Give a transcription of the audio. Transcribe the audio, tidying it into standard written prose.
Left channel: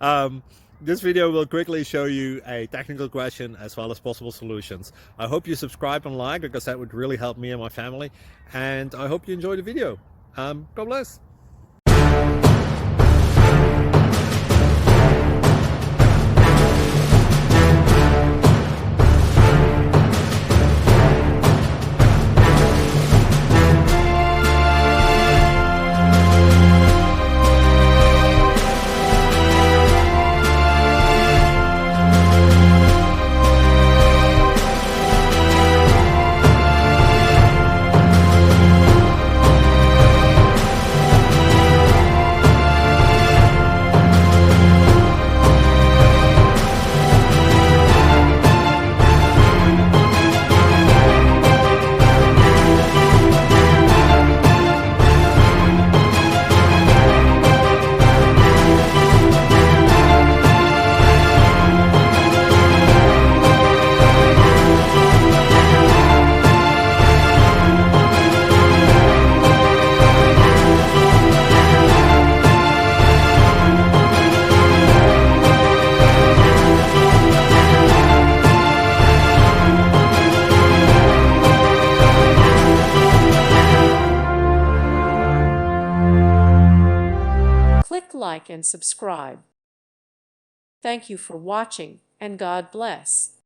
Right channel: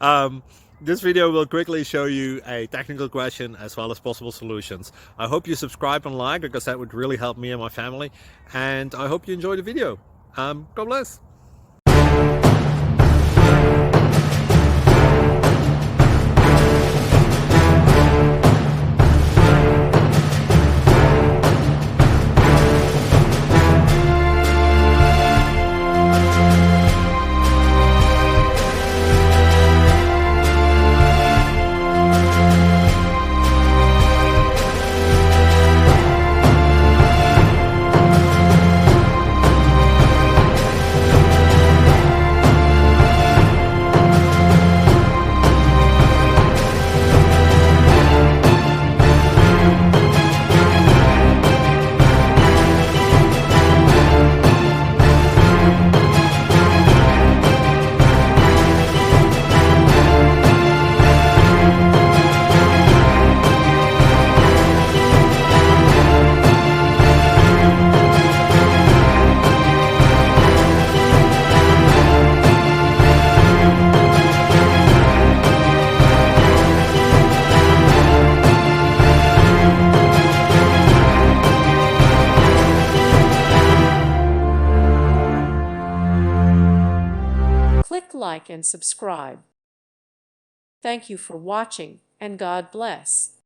um, this video will quickly show you a technical question as well as possible solutions. I hope you subscribe and like, because that would really help me and my family. And I hope you enjoy the video. God bless. Click like and subscribe. Thank you for watching, and God bless.